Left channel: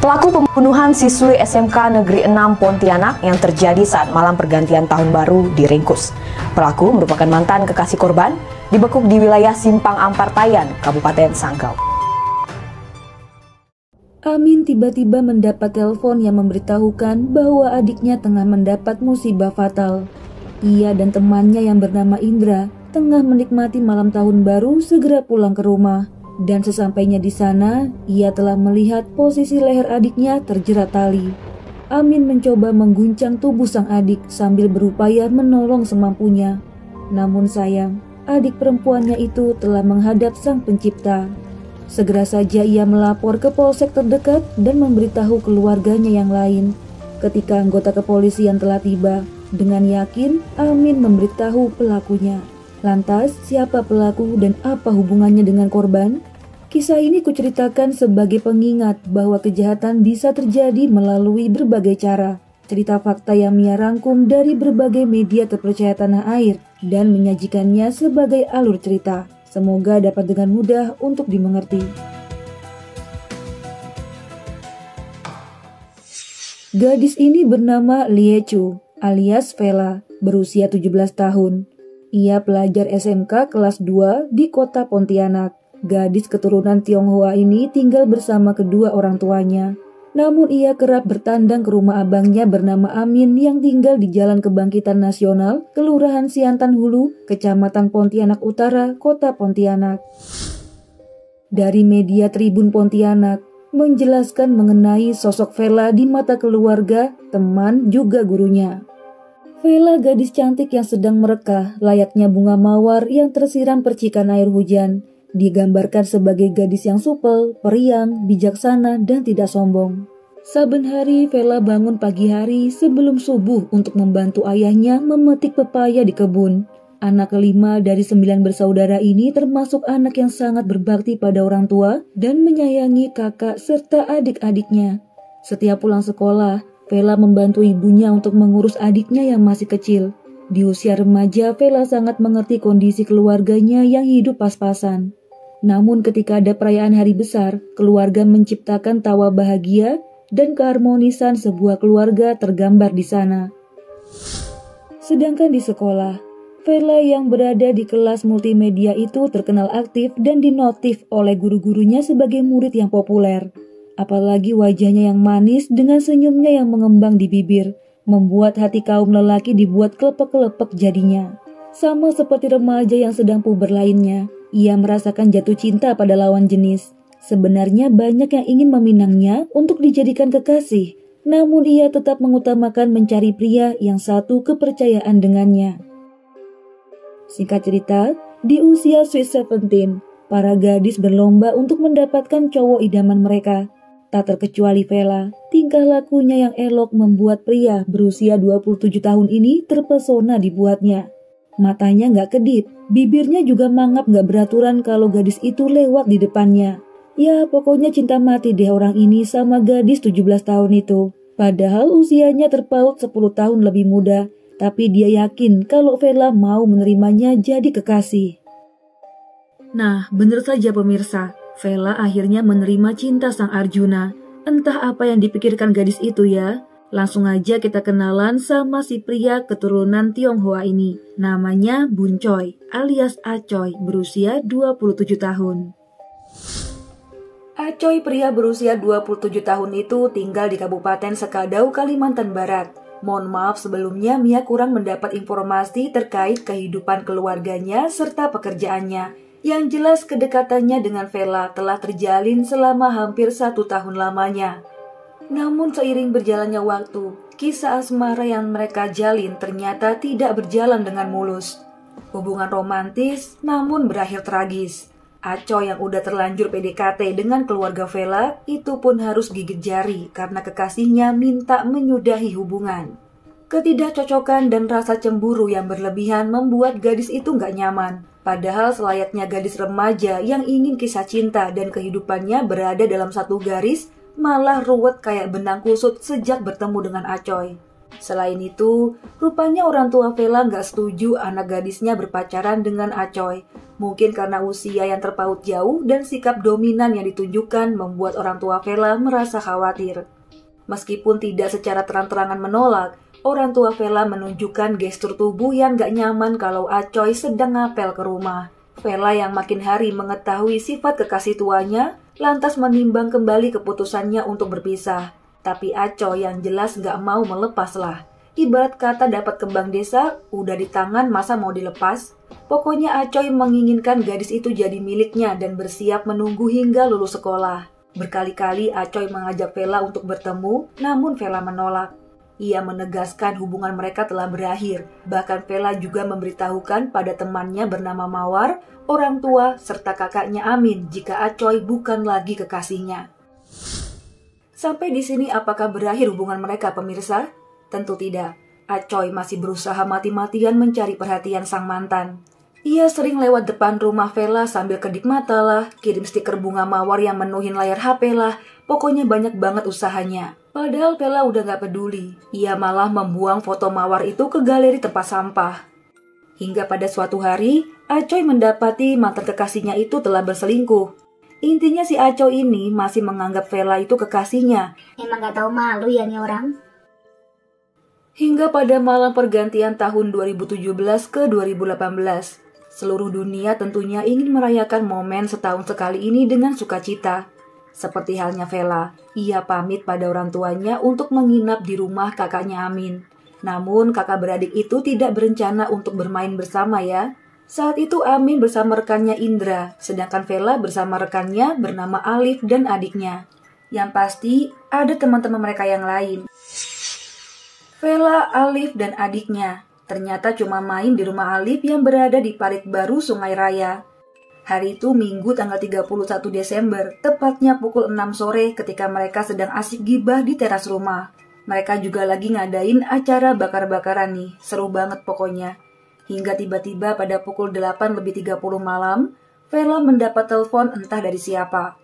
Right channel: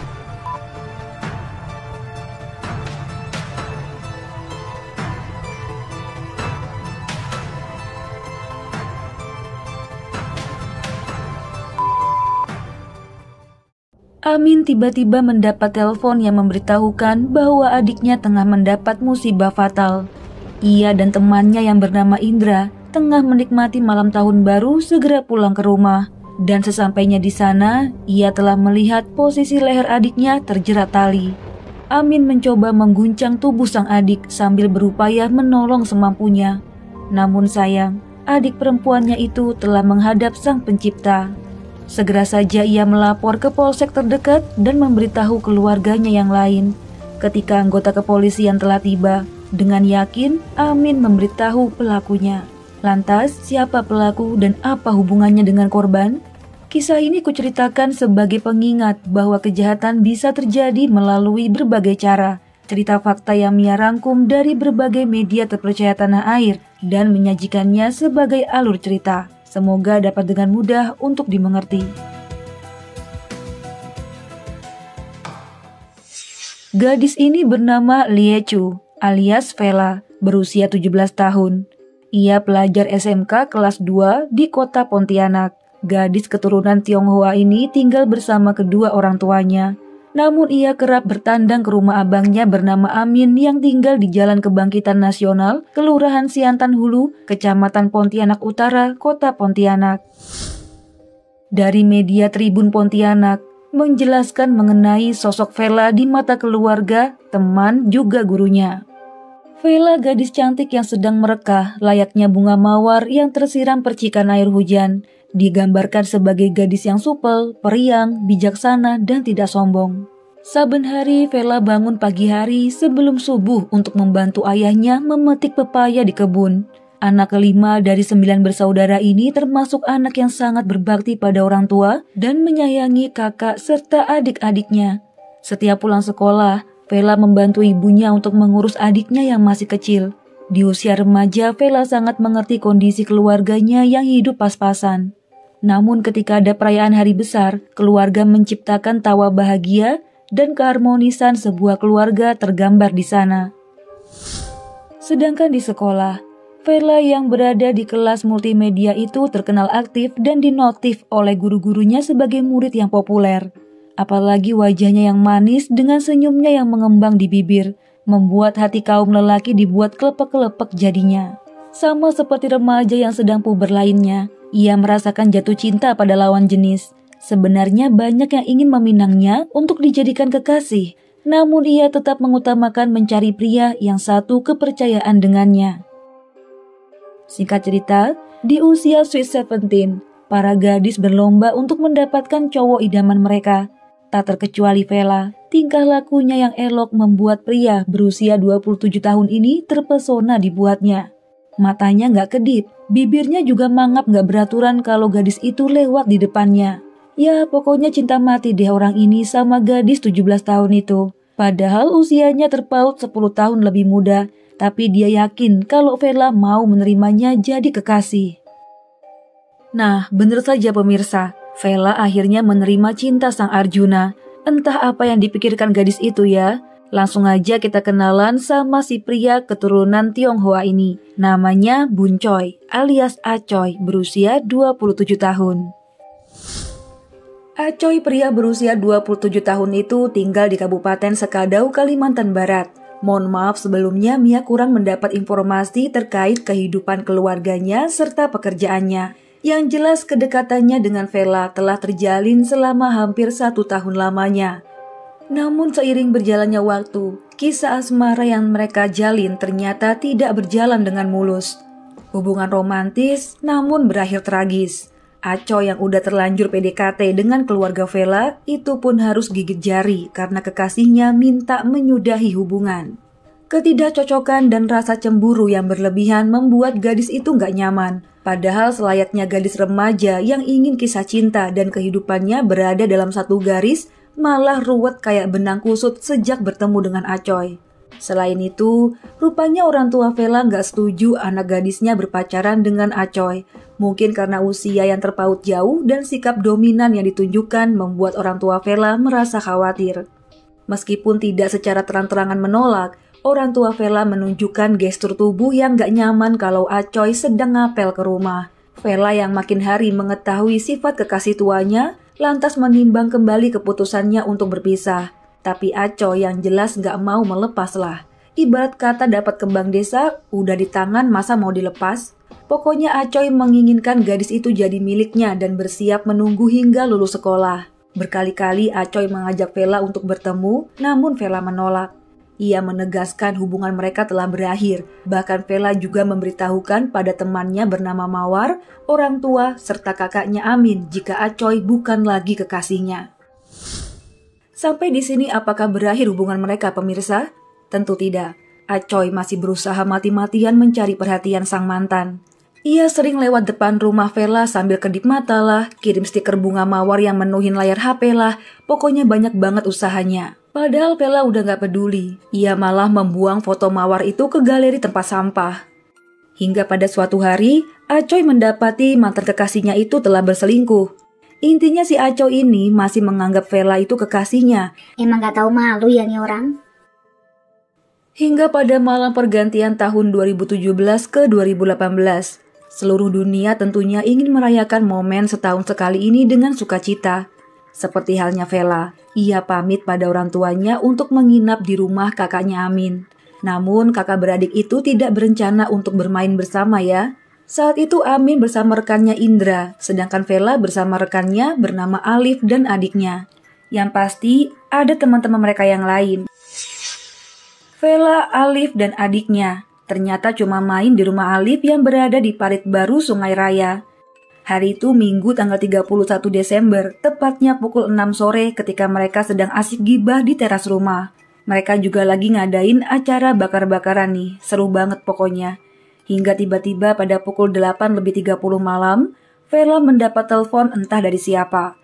Pelaku pembunuhan siswi SMK Negeri 6 Pontianak yang terjadi saat malam pergantian tahun baru diringkus. Pelaku merupakan mantan kekasih korban, dibekuk di wilayah Simpang Ampartayan, Kabupaten Sanggau. Amin tiba-tiba mendapat telepon yang memberitahukan bahwa adiknya tengah mendapat musibah fatal. Ia dan temannya yang bernama Indra tengah menikmati malam tahun baru segera pulang ke rumah. Dan sesampainya di sana, ia telah melihat posisi leher adiknya terjerat tali. Amin mencoba mengguncang tubuh sang adik sambil berupaya menolong semampunya. Namun sayang, adik perempuannya itu telah menghadap Sang Pencipta. Segera saja ia melapor ke polsek terdekat dan memberitahu keluarganya yang lain. Ketika anggota kepolisian telah tiba, dengan yakin Amin memberitahu pelakunya. Lantas, siapa pelaku dan apa hubungannya dengan korban? Kisah ini kuceritakan sebagai pengingat bahwa kejahatan bisa terjadi melalui berbagai cara. Cerita fakta yang Mia rangkum dari berbagai media terpercaya tanah air dan menyajikannya sebagai alur cerita. Semoga dapat dengan mudah untuk dimengerti. Gadis ini bernama Lie Chu alias Vela, berusia 17 tahun. Ia pelajar SMK kelas 2 di kota Pontianak. Gadis keturunan Tionghoa ini tinggal bersama kedua orang tuanya. Namun ia kerap bertandang ke rumah abangnya bernama Amin yang tinggal di Jalan Kebangkitan Nasional, Kelurahan Siantan Hulu, Kecamatan Pontianak Utara, Kota Pontianak. Dari media Tribun Pontianak menjelaskan mengenai sosok Vela di mata keluarga, teman, juga gurunya. Vela gadis cantik yang sedang merekah layaknya bunga mawar yang tersiram percikan air hujan. Digambarkan sebagai gadis yang supel, periang, bijaksana, dan tidak sombong. Saben hari Vela bangun pagi hari sebelum subuh untuk membantu ayahnya memetik pepaya di kebun. Anak kelima dari 9 bersaudara ini termasuk anak yang sangat berbakti pada orang tua dan menyayangi kakak serta adik-adiknya. Setiap pulang sekolah, Vela membantu ibunya untuk mengurus adiknya yang masih kecil. Di usia remaja, Vela sangat mengerti kondisi keluarganya yang hidup pas-pasan. Namun ketika ada perayaan hari besar, keluarga menciptakan tawa bahagia dan keharmonisan sebuah keluarga tergambar di sana. Sedangkan di sekolah, Vela yang berada di kelas multimedia itu terkenal aktif dan dinotif oleh guru-gurunya sebagai murid yang populer. Apalagi wajahnya yang manis dengan senyumnya yang mengembang di bibir, membuat hati kaum lelaki dibuat kelepek-kelepek jadinya. Sama seperti remaja yang sedang puber lainnya, ia merasakan jatuh cinta pada lawan jenis. Sebenarnya banyak yang ingin meminangnya untuk dijadikan kekasih, namun ia tetap mengutamakan mencari pria yang satu kepercayaan dengannya. Singkat cerita, di usia Sweet 17, para gadis berlomba untuk mendapatkan cowok idaman mereka. Tak terkecuali Vela, tingkah lakunya yang elok membuat pria berusia 27 tahun ini terpesona dibuatnya. Matanya gak kedip, bibirnya juga mangap gak beraturan kalau gadis itu lewat di depannya. Ya pokoknya cinta mati deh orang ini sama gadis 17 tahun itu. Padahal usianya terpaut 10 tahun lebih muda, tapi dia yakin kalau Vela mau menerimanya jadi kekasih. Nah, bener saja pemirsa, Vela akhirnya menerima cinta sang Arjuna. Entah apa yang dipikirkan gadis itu ya. Langsung aja kita kenalan sama si pria keturunan Tionghoa ini. Namanya Bun Choi alias Acoy, berusia 27 tahun. Acoy pria berusia 27 tahun itu tinggal di Kabupaten Sekadau, Kalimantan Barat. Mohon maaf sebelumnya Mia kurang mendapat informasi terkait kehidupan keluarganya serta pekerjaannya. Yang jelas kedekatannya dengan Vela telah terjalin selama hampir 1 tahun lamanya. Namun seiring berjalannya waktu, kisah asmara yang mereka jalin ternyata tidak berjalan dengan mulus. Hubungan romantis namun berakhir tragis. Acoy yang udah terlanjur PDKT dengan keluarga Vela itu pun harus gigit jari karena kekasihnya minta menyudahi hubungan. Ketidakcocokan dan rasa cemburu yang berlebihan membuat gadis itu gak nyaman. Padahal selayaknya gadis remaja yang ingin kisah cinta dan kehidupannya berada dalam satu garis, malah ruwet kayak benang kusut sejak bertemu dengan Acoy. Selain itu, rupanya orang tua Vela nggak setuju anak gadisnya berpacaran dengan Acoy. Mungkin karena usia yang terpaut jauh dan sikap dominan yang ditunjukkan membuat orang tua Vela merasa khawatir. Meskipun tidak secara terang-terangan menolak, orang tua Vela menunjukkan gestur tubuh yang gak nyaman kalau Acoy sedang ngapel ke rumah. Vela yang makin hari mengetahui sifat kekasih tuanya, lantas menimbang kembali keputusannya untuk berpisah. Tapi Acoy yang jelas gak mau melepaslah. Ibarat kata dapat kembang desa, udah di tangan masa mau dilepas? Pokoknya Acoy menginginkan gadis itu jadi miliknya dan bersiap menunggu hingga lulus sekolah. Berkali-kali Acoy mengajak Vela untuk bertemu, namun Vela menolak. Ia menegaskan hubungan mereka telah berakhir. Bahkan Vela juga memberitahukan pada temannya bernama Mawar, orang tua, serta kakaknya Amin jika Acoy bukan lagi kekasihnya. Sampai di sini apakah berakhir hubungan mereka, pemirsa? Tentu tidak. Acoy masih berusaha mati-matian mencari perhatian sang mantan. Ia sering lewat depan rumah Vela sambil kedip mata lah, kirim stiker bunga mawar yang menuhin layar HP lah, pokoknya banyak banget usahanya. Padahal Vela udah gak peduli, ia malah membuang foto mawar itu ke galeri tempat sampah. Hingga pada suatu hari, Acoy mendapati mantan kekasihnya itu telah berselingkuh. Intinya si Acoy ini masih menganggap Vela itu kekasihnya. Emang gak tahu malu ya nih orang? Hingga pada malam pergantian tahun 2017 ke 2018. Seluruh dunia tentunya ingin merayakan momen setahun sekali ini dengan sukacita. Seperti halnya Vela, ia pamit pada orang tuanya untuk menginap di rumah kakaknya Amin. Namun kakak beradik itu tidak berencana untuk bermain bersama ya. Saat itu Amin bersama rekannya Indra, sedangkan Vela bersama rekannya bernama Alif dan adiknya. Yang pasti ada teman-teman mereka yang lain. Vela, Alif, dan adiknya ternyata cuma main di rumah Alif yang berada di Parit Baru, Sungai Raya. Hari itu Minggu tanggal 31 Desember, tepatnya pukul 6 sore ketika mereka sedang asik gibah di teras rumah. Mereka juga lagi ngadain acara bakar-bakaran nih, seru banget pokoknya. Hingga tiba-tiba pada pukul 8:30 malam, Vela mendapat telepon entah dari siapa.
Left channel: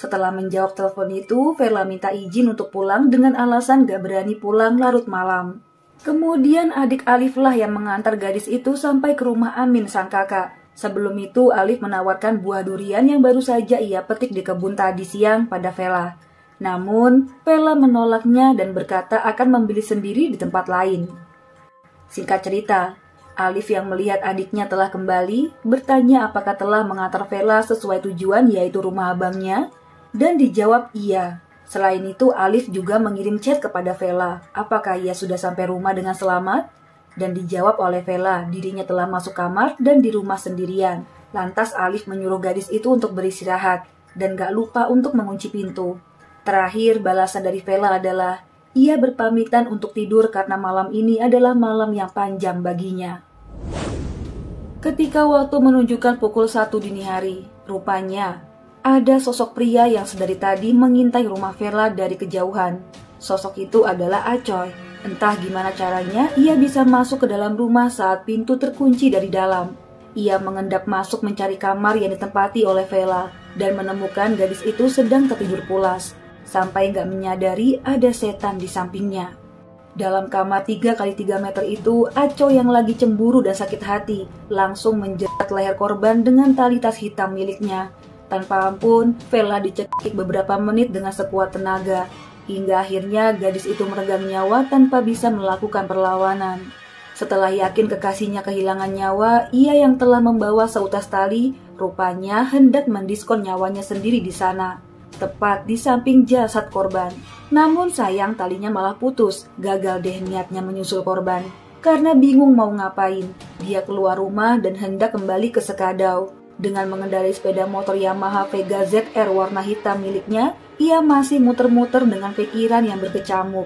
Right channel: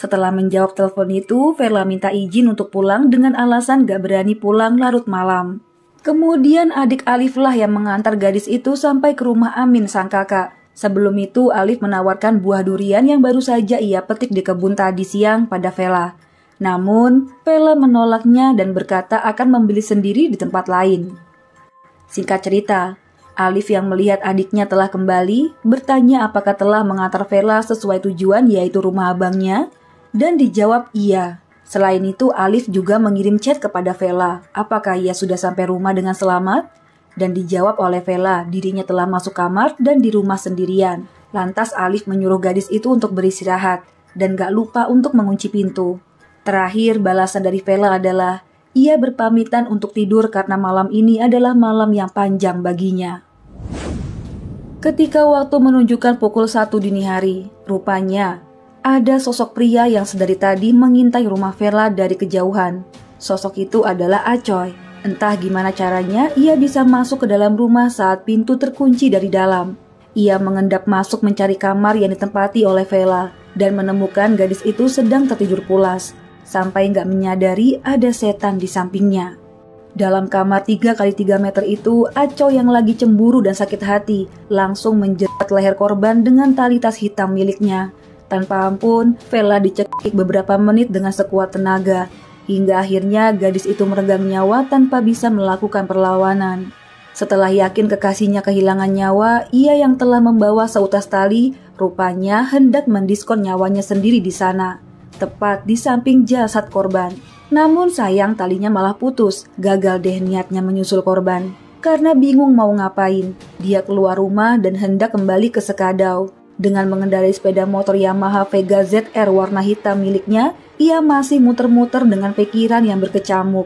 Setelah menjawab telepon itu, Vela minta izin untuk pulang dengan alasan gak berani pulang larut malam. Kemudian adik Alif lah yang mengantar gadis itu sampai ke rumah Amin sang kakak. Sebelum itu Alif menawarkan buah durian yang baru saja ia petik di kebun tadi siang pada Vela. Namun Vela menolaknya dan berkata akan membeli sendiri di tempat lain. Singkat cerita, Alif yang melihat adiknya telah kembali bertanya apakah telah mengantar Vela sesuai tujuan yaitu rumah abangnya, dan dijawab iya. Selain itu, Alif juga mengirim chat kepada Vela, apakah ia sudah sampai rumah dengan selamat? Dan dijawab oleh Vela, dirinya telah masuk kamar dan di rumah sendirian. Lantas Alif menyuruh gadis itu untuk beristirahat, dan gak lupa untuk mengunci pintu. Terakhir, balasan dari Vela adalah, ia berpamitan untuk tidur karena malam ini adalah malam yang panjang baginya. Ketika waktu menunjukkan pukul 1 dini hari, rupanya ada sosok pria yang sedari tadi mengintai rumah Vela dari kejauhan. Sosok itu adalah Acoy. Entah gimana caranya ia bisa masuk ke dalam rumah saat pintu terkunci dari dalam. Ia mengendap masuk mencari kamar yang ditempati oleh Vela dan menemukan gadis itu sedang tertidur pulas. Sampai nggak menyadari ada setan di sampingnya. Dalam kamar 3x3 meter itu, Acoy yang lagi cemburu dan sakit hati langsung menjerat leher korban dengan tali tas hitam miliknya. Tanpa ampun, Vela dicekik beberapa menit dengan sekuat tenaga, hingga akhirnya gadis itu meregang nyawa tanpa bisa melakukan perlawanan. Setelah yakin kekasihnya kehilangan nyawa, ia yang telah membawa seutas tali, rupanya hendak mendiskon nyawanya sendiri di sana, tepat di samping jasad korban. Namun sayang talinya malah putus, gagal deh niatnya menyusul korban. Karena bingung mau ngapain, dia keluar rumah dan hendak kembali ke Sekadau. Dengan mengendarai sepeda motor Yamaha Vega ZR warna hitam miliknya, ia masih muter-muter dengan pikiran yang berkecamuk.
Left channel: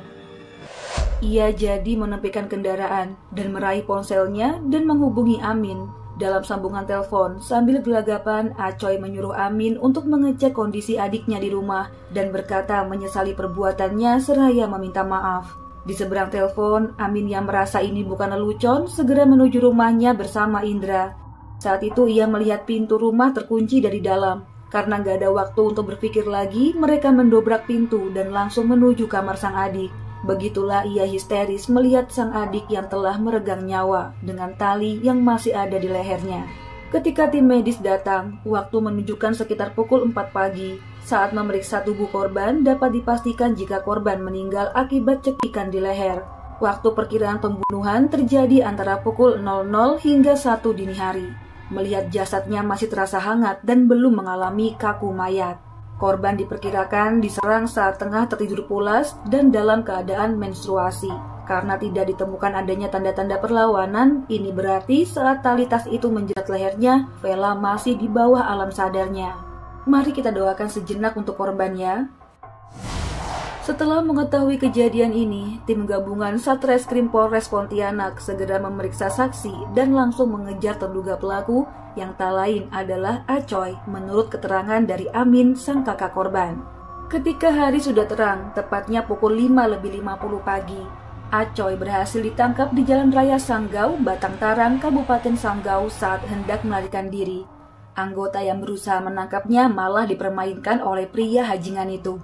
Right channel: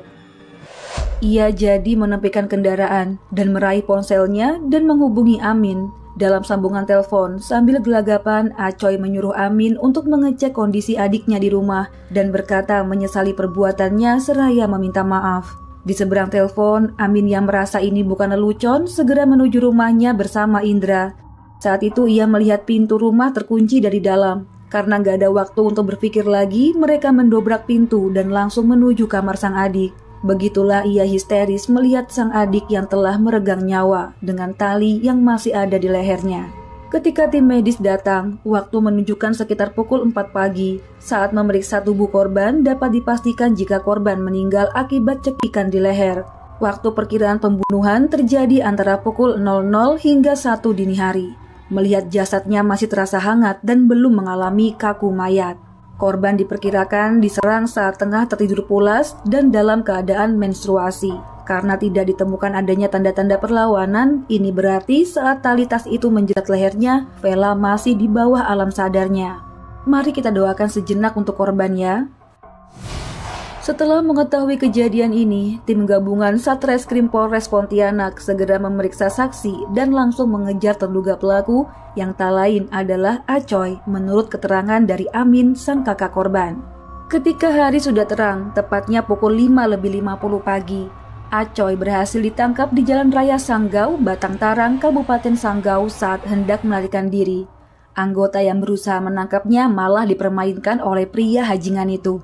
Ia jadi menepikan kendaraan dan meraih ponselnya dan menghubungi Amin. Dalam sambungan telepon, sambil gelagapan, Acoy menyuruh Amin untuk mengecek kondisi adiknya di rumah dan berkata menyesali perbuatannya seraya meminta maaf. Di seberang telepon, Amin yang merasa ini bukan lelucon segera menuju rumahnya bersama Indra. Saat itu ia melihat pintu rumah terkunci dari dalam. Karena gak ada waktu untuk berpikir lagi, mereka mendobrak pintu dan langsung menuju kamar sang adik. Begitulah ia histeris melihat sang adik yang telah meregang nyawa dengan tali yang masih ada di lehernya. Ketika tim medis datang, waktu menunjukkan sekitar pukul 4 pagi. Saat memeriksa tubuh korban, dapat dipastikan jika korban meninggal akibat cekikan di leher. Waktu perkiraan pembunuhan terjadi antara pukul 00 hingga 1 dini hari. Melihat jasadnya masih terasa hangat dan belum mengalami kaku mayat. Korban diperkirakan diserang saat tengah tertidur pulas dan dalam keadaan menstruasi. Karena tidak ditemukan adanya tanda-tanda perlawanan, ini berarti saat tali tas itu menjerat lehernya, Vela masih di bawah alam sadarnya. Mari kita doakan sejenak untuk korban ya. Setelah mengetahui kejadian ini, tim gabungan Satreskrim Polres Pontianak segera memeriksa saksi dan langsung mengejar terduga pelaku yang tak lain adalah Acoy menurut keterangan dari Amin, sang kakak korban. Ketika hari sudah terang, tepatnya pukul 5:50 pagi, Acoy berhasil ditangkap di Jalan Raya Sanggau, Batang Tarang, Kabupaten Sanggau saat hendak melarikan diri. Anggota yang berusaha menangkapnya malah dipermainkan oleh pria hajingan itu.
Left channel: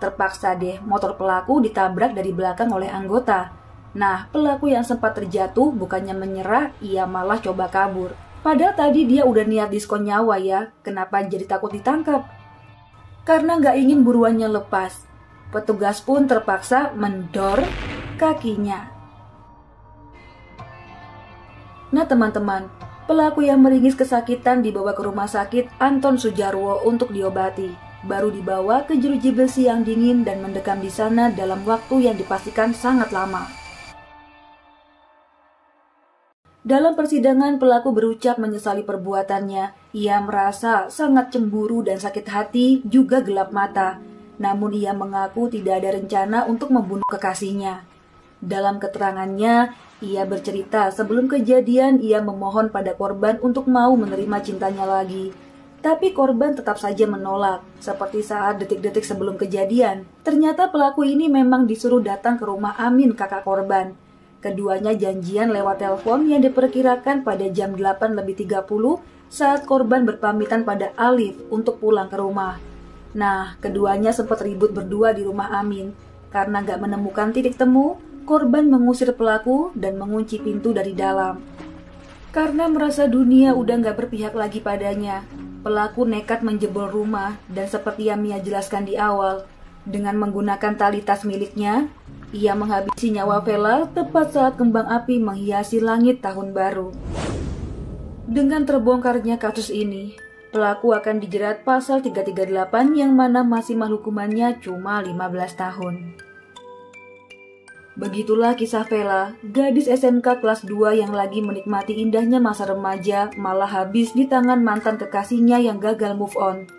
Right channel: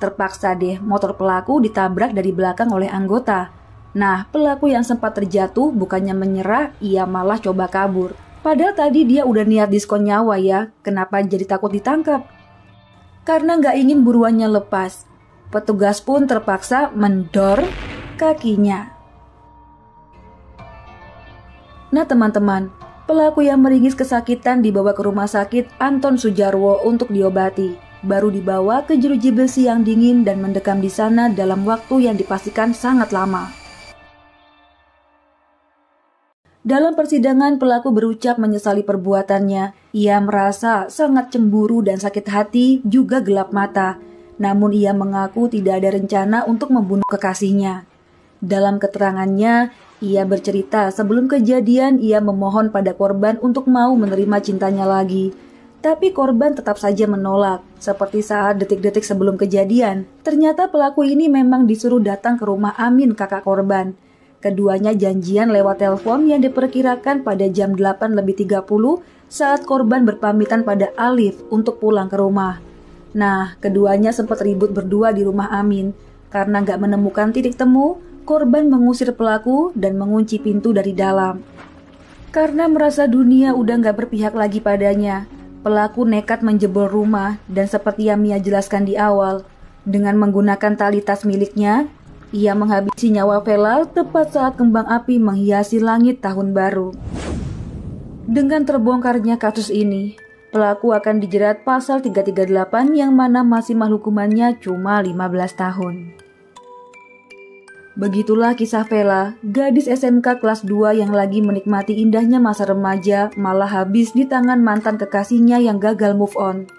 Terpaksa deh motor pelaku ditabrak dari belakang oleh anggota. Nah, pelaku yang sempat terjatuh bukannya menyerah, ia malah coba kabur. Padahal tadi dia udah niat diskon nyawa ya, kenapa jadi takut ditangkap? Karena nggak ingin buruannya lepas, petugas pun terpaksa mendor kakinya. Nah teman-teman, pelaku yang meringis kesakitan dibawa ke rumah sakit Anton Sujarwo untuk diobati. Baru dibawa ke jeruji besi yang dingin dan mendekam di sana dalam waktu yang dipastikan sangat lama. Dalam persidangan, pelaku berucap menyesali perbuatannya. Ia merasa sangat cemburu dan sakit hati, juga gelap mata. Namun ia mengaku tidak ada rencana untuk membunuh kekasihnya. Dalam keterangannya, ia bercerita sebelum kejadian ia memohon pada korban untuk mau menerima cintanya lagi. Tapi korban tetap saja menolak, seperti saat detik-detik sebelum kejadian. Ternyata pelaku ini memang disuruh datang ke rumah Amin, kakak korban. Keduanya janjian lewat telepon yang diperkirakan pada jam 8:30 saat korban berpamitan pada Alif untuk pulang ke rumah. Nah, keduanya sempat ribut berdua di rumah Amin. Karena nggak menemukan titik temu, korban mengusir pelaku dan mengunci pintu dari dalam. Karena merasa dunia udah nggak berpihak lagi padanya, pelaku nekat menjebol rumah dan seperti yang Mia jelaskan di awal, dengan menggunakan tali tas miliknya, ia menghabisi nyawa Vela tepat saat kembang api menghiasi langit tahun baru. Dengan terbongkarnya kasus ini, pelaku akan dijerat pasal 338 yang mana maksimal hukumannya cuma 15 tahun. Begitulah kisah Vela, gadis SMK kelas 2 yang lagi menikmati indahnya masa remaja malah habis di tangan mantan kekasihnya yang gagal move on.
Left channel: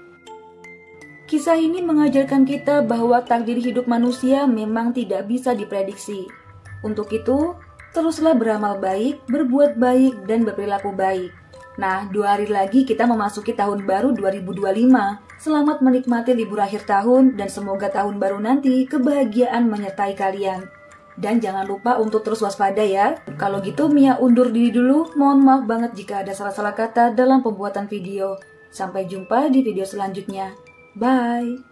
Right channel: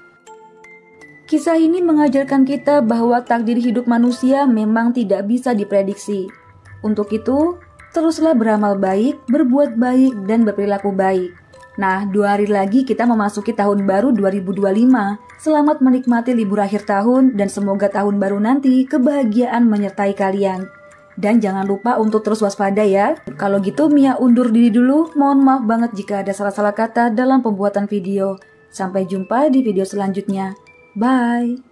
Kisah ini mengajarkan kita bahwa takdir hidup manusia memang tidak bisa diprediksi. Untuk itu, teruslah beramal baik, berbuat baik, dan berperilaku baik. Nah, 2 hari lagi kita memasuki tahun baru 2025. Selamat menikmati libur akhir tahun dan semoga tahun baru nanti kebahagiaan menyertai kalian. Dan jangan lupa untuk terus waspada ya. Kalau gitu Mia undur diri dulu. Mohon maaf banget jika ada salah-salah kata dalam pembuatan video. Sampai jumpa di video selanjutnya. Bye.